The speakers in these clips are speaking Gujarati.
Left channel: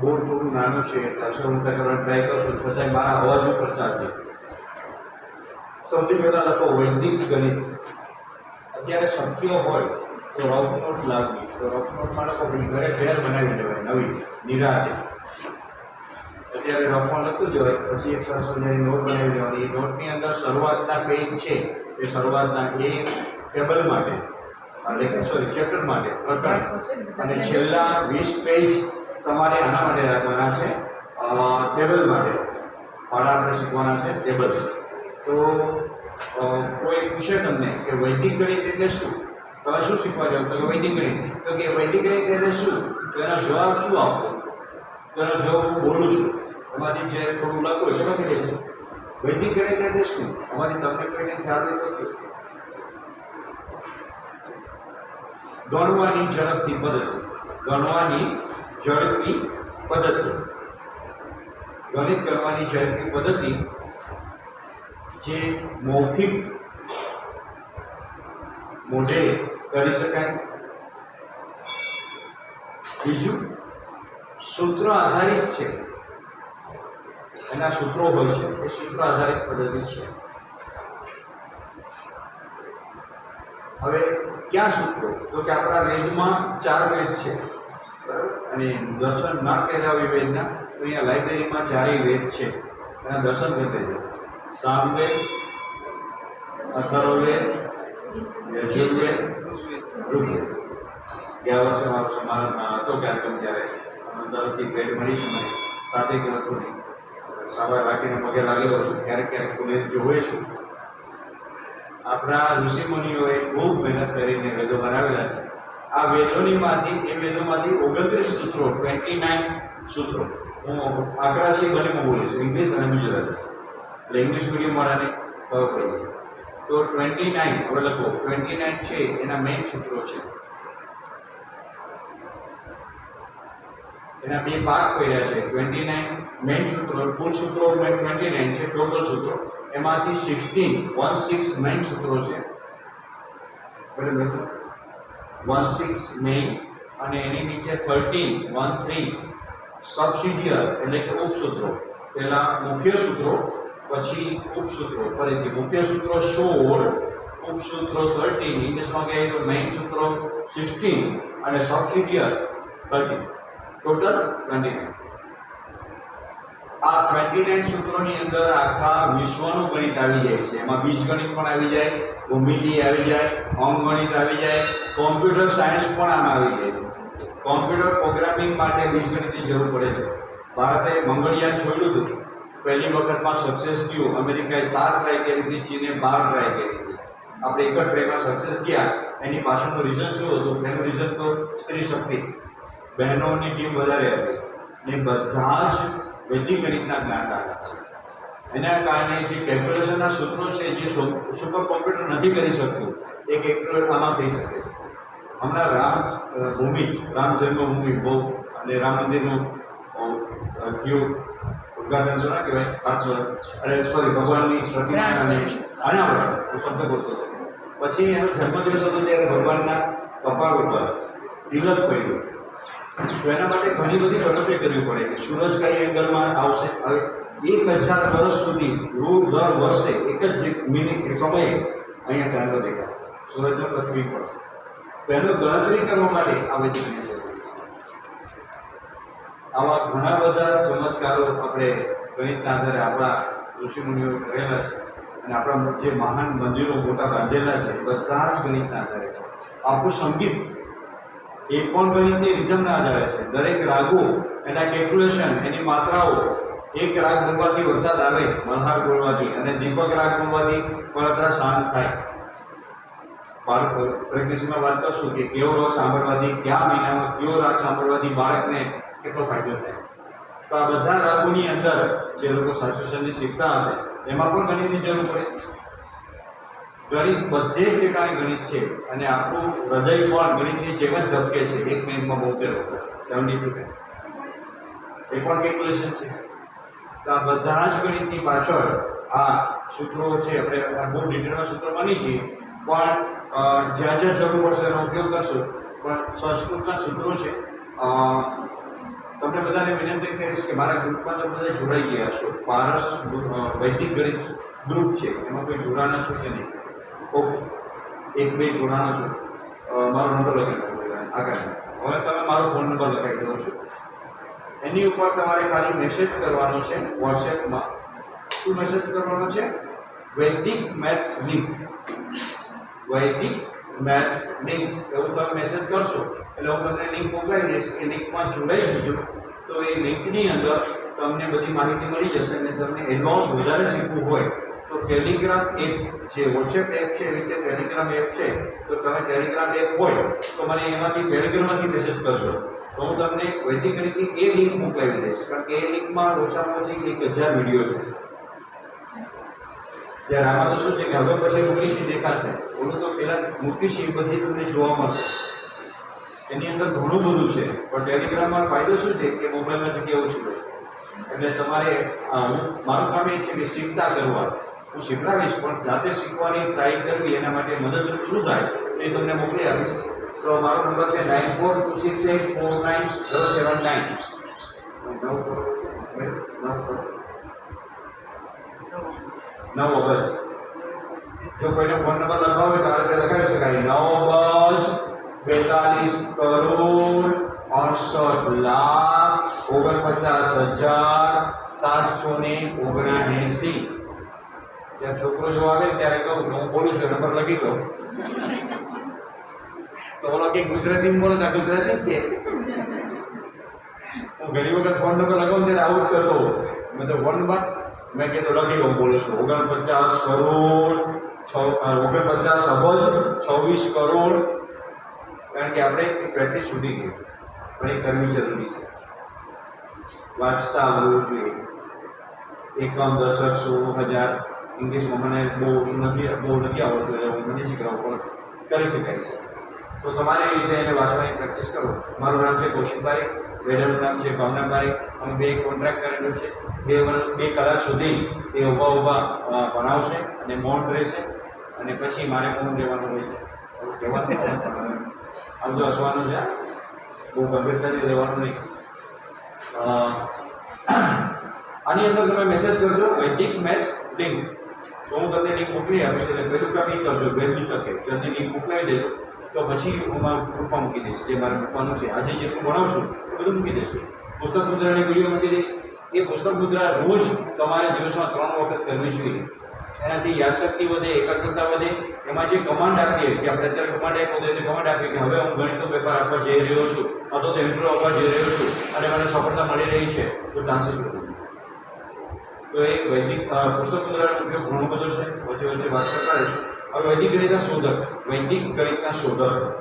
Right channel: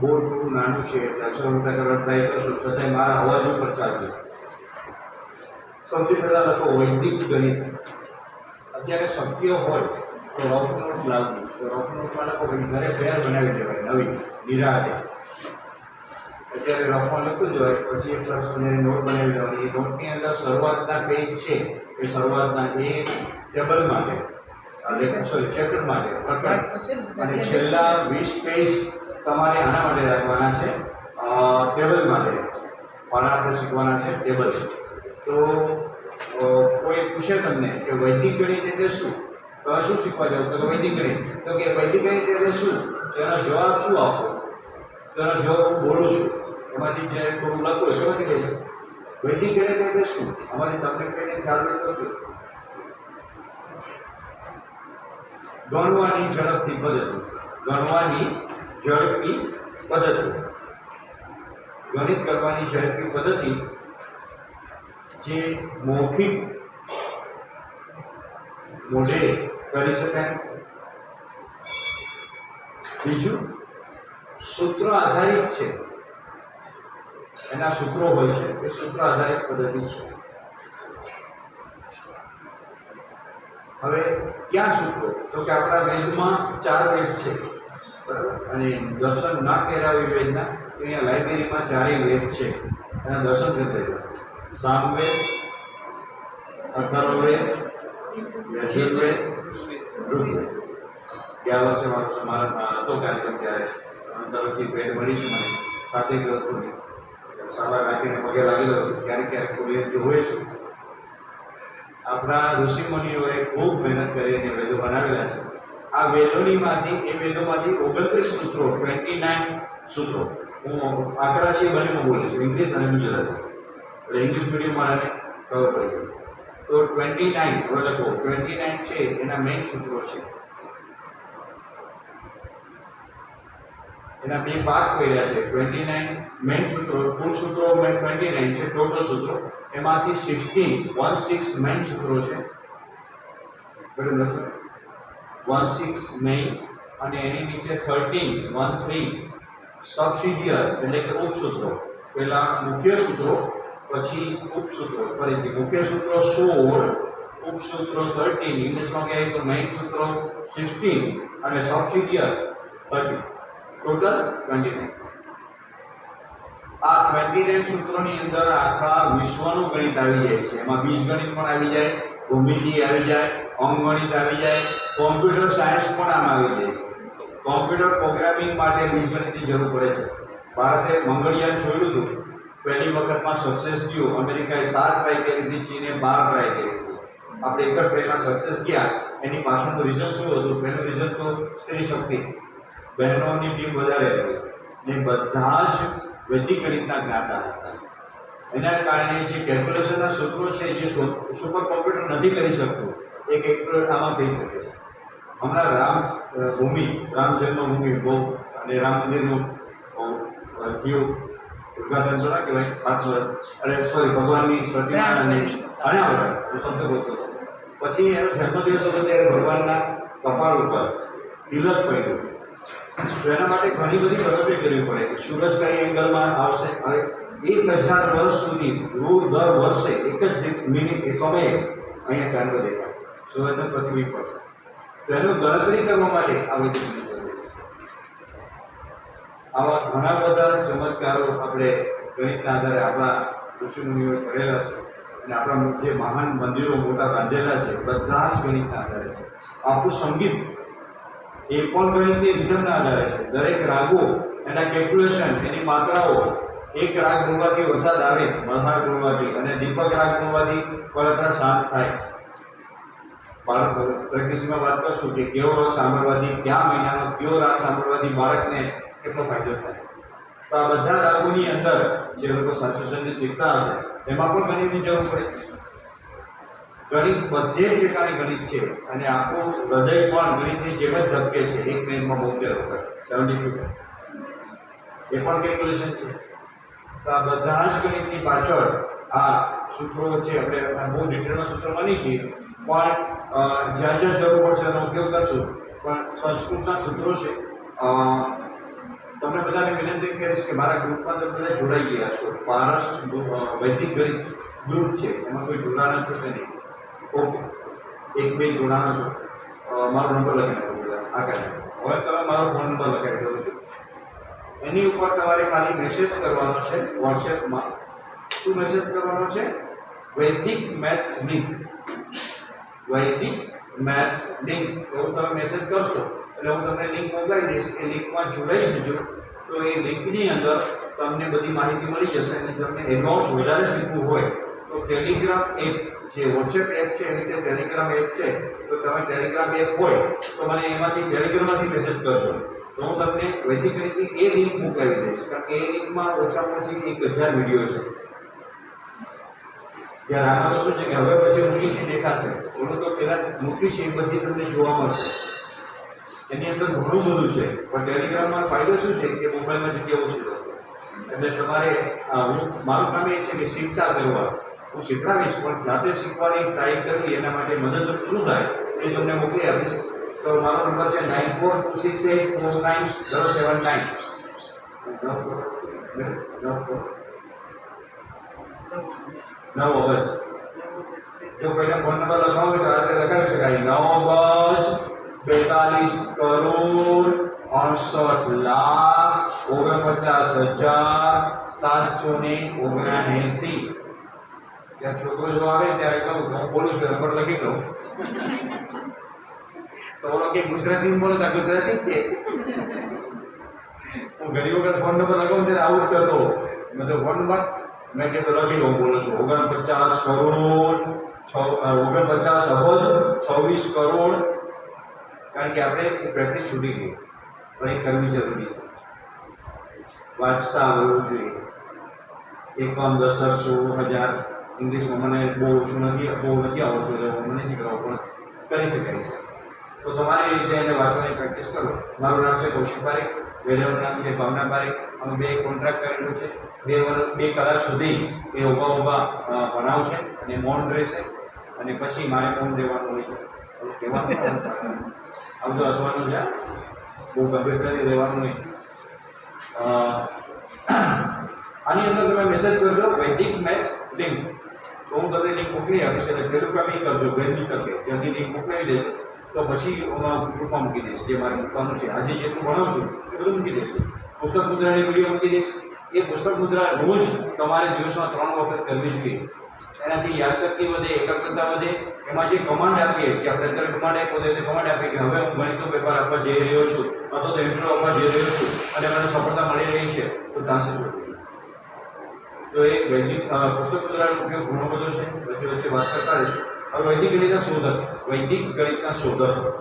બોર્ડ થોડું નાનું છે. અક્ષર મોટા કરવા ટ્રાય કરશું છતાંય મારા અવાજ ઉપર ચાલશે. સૌથી પહેલાં લખો વૈદિક ગણિત. અત્યારે શક્ય હોય તો રફ નોટ લાવવી તો રફ નોટમાં લખો પછી ઘરે ફેર બનાવી લેવાય નવી નિરાતે. અત્યારે રફમાં લખતું જ હોય પછી એક સરસ મજાની નોટ બનાવી લેવાની. એ નોટની અંદર શરૂઆતના પેજ છે. એ શરૂઆતના એ ટેબલ માટે એટલે સોરી ચેપ્ટર માટે અને છેલ્લા વીસ પેજ તમારે આના માટે રાખવાના છે? ટેબલ માટે. પાડા આપણે શીખવાના છે ટેબલ તો કોઈ પૂછે તમને કે વૈદિક ગણિત એટલે શું તો શું શીખવા જાવ? તો વૈદિક ગણિત તો કે વૈદિક ગણિત એટલે શું તેનો જવાબ શું આપવો તેનો જવાબ હું બોલું છું. એમાંથી જે થોડું લખો છો લખી દેજો વૈદિક ગણિત એટલે શું અમારી તમને કોઈને ખ્યાલ તો ગણવાની ઝડપથી બદલ ગણવાની ઝડપી પદ્ધતિ. ગણિત કરવાની ઝડપી પદ્ધતિ જે મૌખિક મોઢે કરી શકાય. બીજું, સૂત્ર આધારિત છે. એના સૂત્રો હોય છે. એ સૂત્ર આધારિત પદ્ધતિ છે. હવે, ક્યાં સૂત્રો? તો કે આપણા વેદમાં ચાર વેદ છે. અને દર્શન ના કર્યા હોય વેદના તો અહીંયા લાઇબ્રેરીમાં ચારેય વેદ છે, એના દર્શન કરી દેજો. સામવેદ અથર્વવેદ યજુર્વેદ ઋગ્વેદ. ગયા વર્ષે મારો સમારંભ હતો કાર્યક્રમ ત્યારે. તરફથી ભેટ મળી મને. સાથે ગયો હતો નહીં સાવા રાખીને પગે લાગેલો છું. ક્યારેક ક્યારેક કોઈ જોઈએ છું. આપણા ઋષિમુનિઓએ ખૂબ મહેનત કરીને વેદો બનાવેલા છે. આ વેદોનીમાંથી એ વેદોમાંથી ઓગણત્રીસ સૂત્રો ટ્વેન્ટી નાઇન સૂત્રો. હું આંકડા છે બંનેમાં છું ઇંગ્લિશ અને ગુજરાતી. એટલે ઇંગ્લિશ મીડિયમ વાળાને ખબર પડી તો ટ્વેન્ટી નાઇન હવે લખો. ટ્વેન્ટી નાઇન છે, એના મેઇન સૂત્રો છે. એના બે ભાગ કર્યા છે ટ્વેન્ટી નાઇન મેઇન સૂત્રો, કુલ સૂત્રો ટ્વેન્ટી નાઇન છે ટોટલ સૂત્રો. એમાંથી સિક્સટીન વન સિક્સ મેઇન સૂત્રો છે. બરાબર વન સિક્સ મેઇન અને એની નીચે થર્ટીન વન થ્રી સબસિડિયર એટલે કે ઉપસૂત્રો. પહેલાં મુખ્ય સૂત્રો, પછી ઉપસૂત્રો. ફરીથી મુખ્ય સૂત્રો સોળ, ઉપસૂત્રો થર્ટીન ઇંગ્લિશમાં કહે તો મેઇન સૂત્રો સિક્સટીન અને subsidiary thirteen total twenty nine આ ટ્વેન્ટી નાઇન સૂત્રોની અંદર આખા વિશ્વનું ગણિત આવી જાય છે. એમાં બીજગણિત પણ આવી જાય. ભૂમિતિ આવી જાય અંકગણિત આવી જાય કોમ્પ્યુટર સાયન્સ પણ આમાં આવી જાય છે. કોમ્પ્યુટર પ્રોગ્રામિંગ માટે બીજગણિતની જરૂર પડે છે. ભારતે મંગળયાન છોડ્યું હતું. પહેલી વખતમાં સક્સેસ થયું. અમેરિકાએ સાત ટ્રાય કરી હતી, ચીને બાર ટ્રાય કરી હતી. આપણે એક જ ટ્રાયમાં સક્સેસ ગયા એની પાછળનું રીઝન શું હતું? એનું રીઝન તો સ્ત્રી શક્તિ. બહેનોની ટીમ વધારે હતી. ને બધા જ વૈદિક રીતના જ્ઞાતા હતા. એના કારણે જે કેલ્ક્યુલેશનના સૂત્રો છે જે સુપર કોમ્પ્યુટર નથી કરી શકતું એ કેલ્ક્યુલેટ આમાં થઈ શકે છે. હમણાં રામ ભૂમિ રામ જન્મભૂમિ બહુ અને રામ મંદિરનું થયું ઉદઘાટન તો ના કહેવાય ખાતમુહૂર્ત અરે સોરી ભગવાનની પ્રતિમા અને આના હું શબ્દ બોલશો પછી એનો જન્મદિવસ હતો ત્યારે ભગવાનના કપાળ ઉપર તિલક પડ્યું. તો એના માટે ઘણી બધી ગણતરી કરવી પડે કે સૂરજ કઈ એંગલમાં આવશે હવે એક હજાર વર્ષ સુધી રોજ દર વર્ષે એક જ મિનિટ સમયે અહીંયા ચાંદો દેખાશે સૂરજનો પ્રતિબિંબ પડશે તો એનું ગણતરી કરવા માટે આ છે. આવા ઘણા બધા ચમત્કારો આપણે ગણિતના આધારે આપણા ઋષિમુનિઓએ કરેલા છે અને આપણા જે મહાન મંદિરો મોટા બાંધેલા છે, બધા જ ગણિતના આધારે છે. આપણું સંગીત એ પણ ગણિતની રિધમના આધારે છે. દરેક રાગો એના કેલ્ક્યુલેશન, એની માત્રાઓ એક રાગ ગુણવાથી વરસાદ આવે મલ્હાર ગુણવાથી અને દીપક રાગ ગુણવાથી બળતરા શાંત થાય. બાળક પ્રેક્ટિસમાં વાત કરશું કે કેવો રાગ સાંભળવાથી, કયા મહિનામાં કયો રાગ સાંભળવાથી બાળકને કેટલો ફાયદો થાય. તો આ બધા રાગોની અંદર જે લોકો સાચુસનની શીખતા હશે, એમાં પણ ગણિતની જરૂર પડે. ગણિત બધે જ પ્રકારની ગણિત છે, અને આપણું હૃદય પણ ગણિતની જેમ જ ધબકે છે, એક મિનિટમાં બોતેર વખત. સેવન્ટી ટુ એ પણ કેલ્ક્યુલેશન છે. તો આ બધા જ ગણિતની પાછળ આ સૂત્રો છે, આપણે આ બહુ ડિટેલના સૂત્રો બની છે પણ જ્યાં જ્યાં જરૂર પડશે એનો ઉપયોગ કરશું. પણ સંસ્કૃતના સૂત્રો છે. તમને બધાને વિનંતી કરીશ કે મારા ગ્રુપમાં તમે બધા જોડાઈ ગયા છો. પારસ વૈદિક ગણિત ગ્રુપ છે. એમાં કોઈ જોડાના છો કે નહીં? ઓકે. એક, બે જોડાના છો. મારો નંબર લખી દઉં આગળ. હવે તમે મારો ફોન નંબર લખાવી દઉં છું એની ઉપર તમારે ખાલી મેસેજ કરવાનો છે વોટ્સએપમાં. શું મેસેજ કરવાનો છે? Vedic maths link Vedic maths link એવું તમે મેસેજ કરશો, એટલે હું તમને લિંક મોકલાવી દઈશ. એ લિંકમાં જોડાઈ જજો. તો એ લિંકની અંદર તમને બધી માહિતી મળી જશે અને તમને એડવાન્સ વધારે શીખવું હોય, તો ટેલિગ્રામ એપ જે વોટ્સએપ એપ છે, એની રીતે ટેલિગ્રામ એપ છે, તો તમે ટેલિગ્રામ એપ હોય, તો મને એમાંથી ટેલિગ્રામમાંથી મેસેજ કરશો તો હું તમને વૈદિક ગણિતની એ લિંક મોકલાવી દઈશ. કારણ કે એ લિંકમાં ઓછામાં ઓછી એક હજાર વીડિયો છે. ત્યારે આમાં તો શું છે કે હવે પછી મૂકીશી દેખાશે. ઓલું તો પહેલાં મૂકીશી, એ બધી તમને જોવા મળશે. એની અંદર ઘણું બધું છે. પણ ટેલિગ્રામમાં ફાયદો શું છે કે મોબાઈલમાં જગ્યા ઓછી એટલે તમારે હું, મારું કામ એ છે કે શીખતા કરવા. હું શીખડાવીશ, પણ જાતે શીખવાની ટ્રાય કરવી એના માટે મદદરૂપ શું થાય એ તમને મોકલી આપીશ. તો મારો નંબર છે nine four two six eight four nine zero seven nine નવ અબજ જો કોઈને ફોન નંબર લખાવો હોય તો આ રીતે લખાવી શકાય નવ અબજ બેતાલીસ કરોડ અડસઠ લાખ ઓગણપચાસ હજાર સાતસો ને ઓગણએંસી ત્યાં છોકરો જો આવે ને ત્યારે કહું કે હું બોલું છું નંબર લખી દઉં તો ઓલો કે ગુજરાતીમાં બોલો તો ગુજરાતી જ છે. હું ઘણી વખત ફોન નંબર લગાવું ત્યારે આવું જ કરતો. મેં તો ફોન નંબર મેં કીધું લખી હું બોલું છું. ઓગણપચાસ કરોડ છ ઓગણપચાસ અબજ છવ્વીસ કરોડ. કારણ કે આપણે પ્રેક્ટિસ છૂટી ગઈ. પણ એ કરવી જરૂરી છે. વાંચતા આવડવું જોઈએ. એકમ દશક સો હજાર. ઇંગ્લિશમાં મને બહુ ઓછું નથી, બહુ નથી આવડતું એટલે હું મને શીખડાવું પણ કરી શકાય છે. તો તમારી રીતે એને વાંચવાની પ્રેક્ટિસ કરો. મારું નામ છે કૌશિક પારેખ વેલાનું નામ છે ભાવના પારેખ. અમે બે કોન્ટ્રાક્ટ કરેલું છે. બે બે કલાક સુધી એ ઊભા ઊભા ભણાવશે અને મૌન રહેશે અને પછી મારે મૌન રહેવાનું હોય છે. હવે કહેવાનું આમ તો હસવાનું છે બહુ ગંભીરતાથી રહેવાનું નહીં. આની અંદર તમે મેસેજ કરજો, વૈદિક મેથ્સ લિંક તો હું તમને લિંક મોકલી આપીશ, એટલે પહેલું કામ એ કરજો વહેલી તકે જલ્દી લિંક મોકલાવી દેજો. તો પછી હું ગ્રુપમાં મૂકી દઈશ. જે મારે મૂકવાનું છે, આજે જેટલું ભણાવશું બધું મૂકી દઈશ. પુસ્તક મુદ્રાની વીડિયો મૂકી દઈશ. એ પુસ્તક મુદ્રા રોજ તમારે દિવસમાં ત્રણ વખત કરવી જોઈએ. એનાથી યાદશક્તિ વધે, એકાગ્રતા વધે. એમાં જે કમાન્ડ આપીએ કે આપણે અત્યારે કમાન્ડ આપ્યો તો કમાન્ડ આપીએ કે હવે હું ગણિતનો પેપર આપવા જઈ રહ્યો છું, અથવા તો ઇન્ટરવ્યુ આપવા જઈ રહ્યો છું, અને મને સફળતા મળી રહી છે, તો ચાન્સીસ વધુ તો એ વૈદિક પુસ્તક મુદ્રાનો ઉપયોગ ઘણો બધો છે. વચ્ચે વચ્ચે વાત કરતા રહીશું. હવે વૈદિક ગણિતના શોધક. વૈદિક ગણિતના શોધક.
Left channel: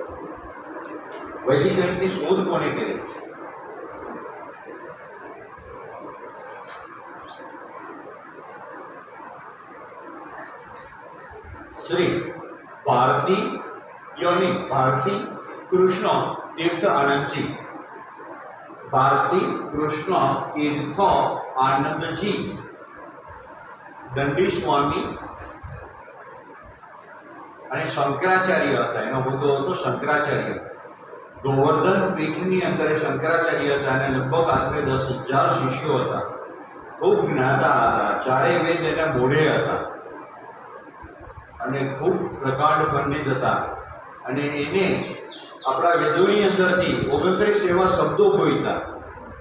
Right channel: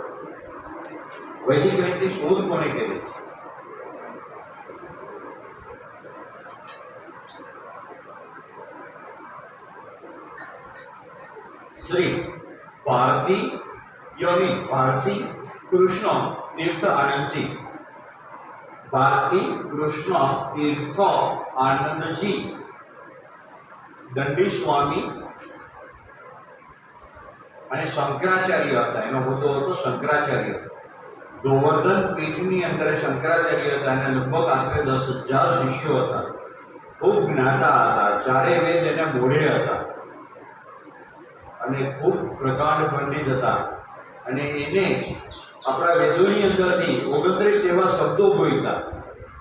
વૈદિક ગણિતની શોધ કોને કરી? શ્રી ભારતી યોની, ભારતી કૃષ્ણ તીર્થ આનંદજી. ભારતી કૃષ્ણ તીર્થ આનંદજી. દંડી સ્વામી અને શંકરાચાર્ય હતા. એનો હોદ્દો હતો શંકરાચાર્ય. ગોવર્ધન પીઠની અંદર શંકરાચાર્ય હતા અને લગભગ આશરે દસ હજાર શિષ્યો હતા. ખૂબ જ્ઞાતા હતા. ચારે વેદ એના મોઢે હતા. અને ખૂબ પ્રકાંડ પંડિત હતા. અને એને આપણા વેદોની અંદરથી ઓગણત્રીસ એવા શબ્દો બોલતા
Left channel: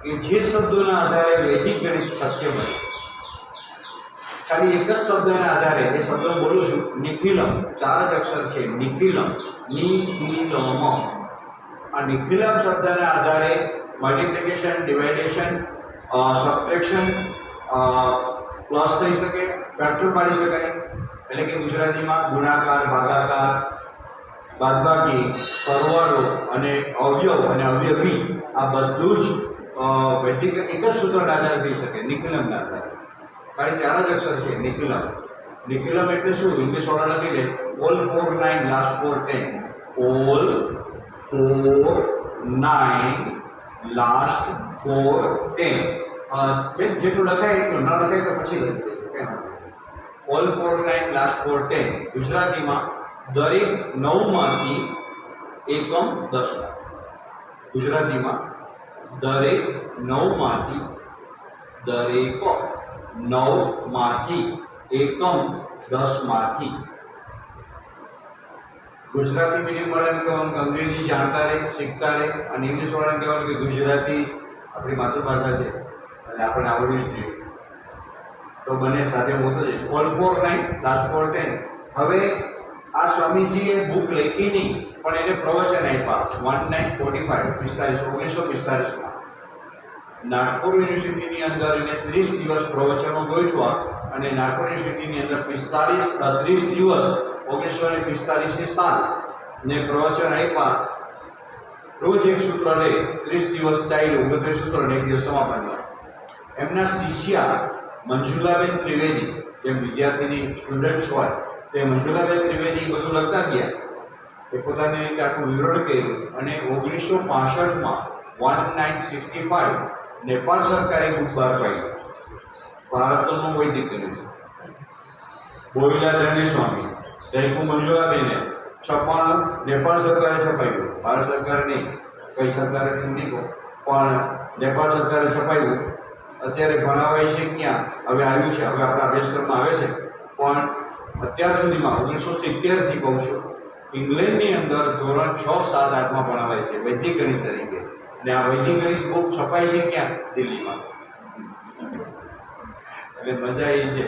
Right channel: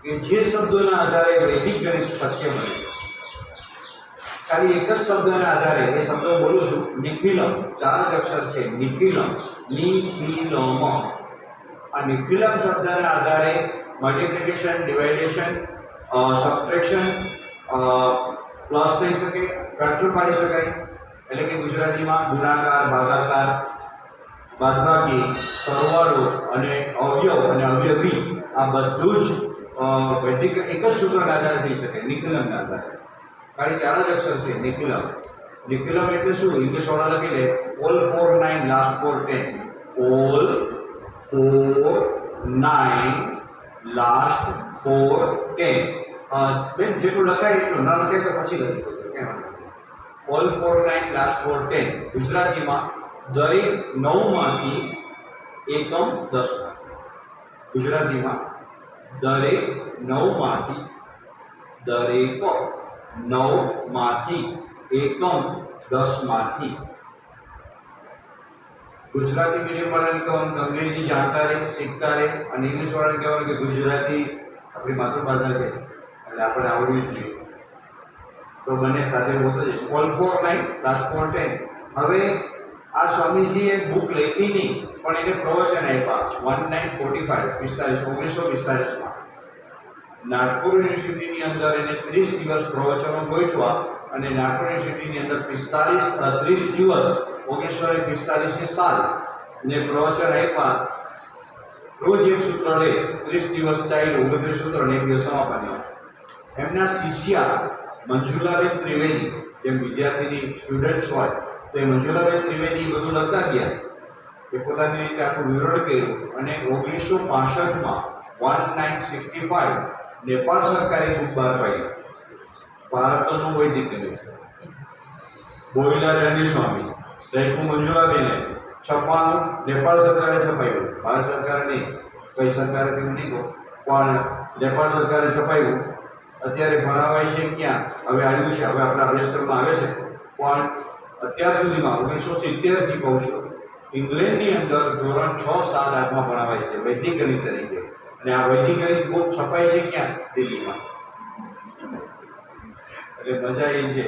કે જે શબ્દોના આધારે વૈદિક ગણિત શક્ય બને. ખાલી એક જ શબ્દના આધારે, એ શબ્દ બોલું છું, નિખિલમ. ચાર જ અક્ષર છે, નિખિલમ. નિખિલમ. આ નિખિલમ શબ્દના આધારે મલ્ટિપ્લિકેશન ડિવાઇડેશન સબટ્રેક્શન પ્લસ થઈ શકે ફેક્ટર પાડી શકાય. એટલે કે ગુજરાતીમાં ગુણાકાર, ભાગાકાર, બાદબાકી, સરવાળો અને અવયવ અને અવયવી આ બધું જ વૈદિક એક જ સૂત્રના આધારે થઈ શકે, નિખિલમના આધારે. ખાલી ચાર જ અક્ષર છે નિખિલમ નિખિલમ એટલે શું? ઇંગ્લિશ વાળા લખી લે. All four nine last four ten all four nine last four ten બેન, જેટલું લખાય એટલું ન લખાય તો પછી લખી all four nine last four ten ગુજરાતીમાં દરેક નવમાંથી એકમ દસ ગુજરાતીમાં દરેક નવમાંથી દરેક નવમાંથી એકમ દસમાંથી. ગુજરાતી મીડિયમ વાળાને કહેવાનું કે અંગ્રેજી જાણતા રહે, શીખતા રહે અને ઇંગ્લિશ વાળાને કહેવાનું કે ગુજરાતી આપણી માતૃભાષા છે અને આપણે આવડવી જ જોઈએ. તો બંને સાથે હું તો જઈશ. All four nine last four ten હવે આ સ્વામીજીએ બુક લખી નહીં, પણ એને પ્રવચન આપ્યા. વન નાઇન ફોર્ટી ફાઇવ પિસ્તાલીસ, ઓગણીસો પિસ્તાલીસમાં. નાગપુર યુનિવર્સિટીની અંદર એને ત્રીસ દિવસ પ્રવચનો ગોઠવા અને નાગપુર યુનિવર્સિટીની અંદર પિસ્તાલીસ ત્રીસ દિવસ ઓગણીસો ને પિસ્તાલીસની સાલ ને પ્રવચન આપ્યા. રોજ એક સૂત્ર લે, ત્રીસ દિવસ ચાલ્યું ઓગણત્રીસ સૂત્ર ને એક દિવસ સમાપન એમના શિષ્યા મંજુલાબેન ત્રિવેદી, જેમ વિદ્યાર્થીની સ્ટુડન્ટ્સ હોય, તે મંજુલાબેન ત્રિવેદી બધું લખતા ગયા. એ પોતાની રીતે આખું વિવરણ કર્યું અને ઓગણીસો પાસઠમાં one nine sixty five Nepal સરકારે બુક બહાર પાડી. ભારતનું વૈદિક કર્યું બોઈલા રણવીર સ્વામી રૈકુ આપીને છપ્પાનું નેપાળ સરકારે છપાયું ભારત સરકારે નહીં, કઈ સરકારે તેમ નહીં કહો. પણ નેપાળ સરકારે છપાયું અત્યારે ભણાવાય છે ક્યાં? હવે આવ્યું છે, હવે આપણા અભ્યાસક્રમમાં આવે છે. પણ અત્યાર સુધીમાં ઓગણીસો સિત્તેરથી કહું છું, ઇંગ્લેન્ડની અંદર ધોરણ છ સાત આઠમાં ભણાવાય છે, વૈદિક ગણિત તરીકે. અને આ વૈદિક ગણિત બુક છપાય છે ક્યાં? દિલ્હીમાં. એટલે મજા એ છે.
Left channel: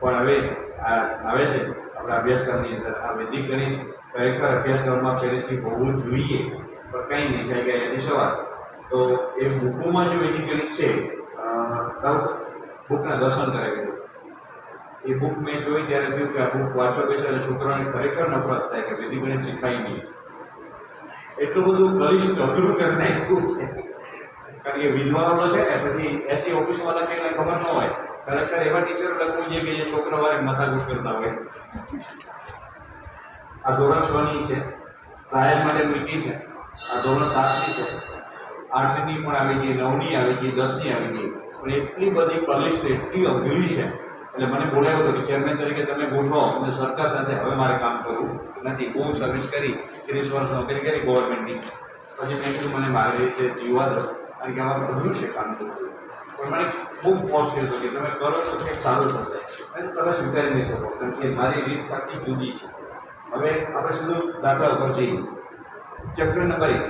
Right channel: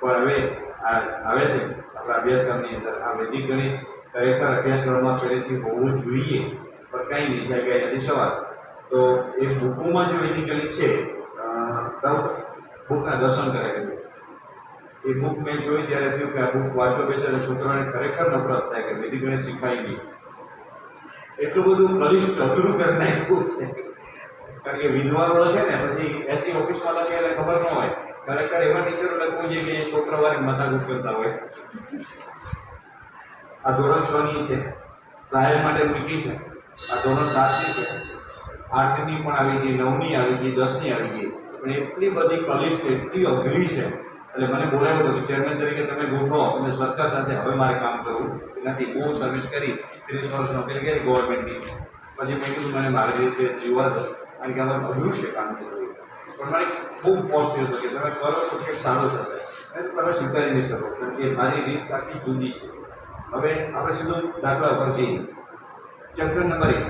પણ હવે આ આવે છે, આપણા અભ્યાસક્રમની અંદર આ વૈદિક ગણિત ખરેખર અભ્યાસક્રમમાં પહેલેથી હોવું જોઈએ, પણ કંઈ નહીં જાય ગયા એની સવાર. તો એ બુકોમાં જે વૈદિક ગણિત છે બુકના દર્શન કરાવી દીધું. એ બુક મેં જોઈ, ત્યારે થયું કે આ બુક વાંચો બેસે અને છોકરાને ખરેખર નફરત થાય કે વૈદિક ગણિત શીખાય નહીં. એટલું બધું બલિષ્ઠ અઘરું કરી નાખ્યું છે. કારણ કે વિદ્વાનો લખે ને, પછી એસી ઓફિસમાં લખે એટલે ખબર ન હોય. ખરેખર એવા ટીચરો લખવું જોઈએ કે જે છોકરા વારે માથાકૂટ કરતા હોય. આ ધોરણ છ ની છે. ટ્રાયલ માટે મીઠી છે. આ ધોરણ સાતની છે. આઠની પણ આવી ગઈ, નવની આવી ગઈ, દસની આવી ગઈ. પણ એટલી બધી કલિસ્ટ એટલી અઘરી છે. એટલે મને બોલાવ્યો હતો કે ચેરમેન તરીકે તમે ગોઠવો. અને સરકાર સાથે હવે મારે કામ કરવું નથી. બહુ સર્વિસ કરી, ત્રીસ વર્ષ નોકરી કરી ગવર્મેન્ટની પછી મેં કીધું મને મારી રીતે જીવવા દો. કારણ કે અમારે અઘરું છે કામ કરવું પણ મને બહુ ફોર્સ થયો હતો કે તમે કરો તો કંઈક સારું થશે. અને તમે સ્વીકારી નહીં શકો. કારણ કે મારી રીત આખી જુદી છે. હવે આપણે સીધું દાખલા ઉપર જઈએ. ચેપ્ટર નંબર એક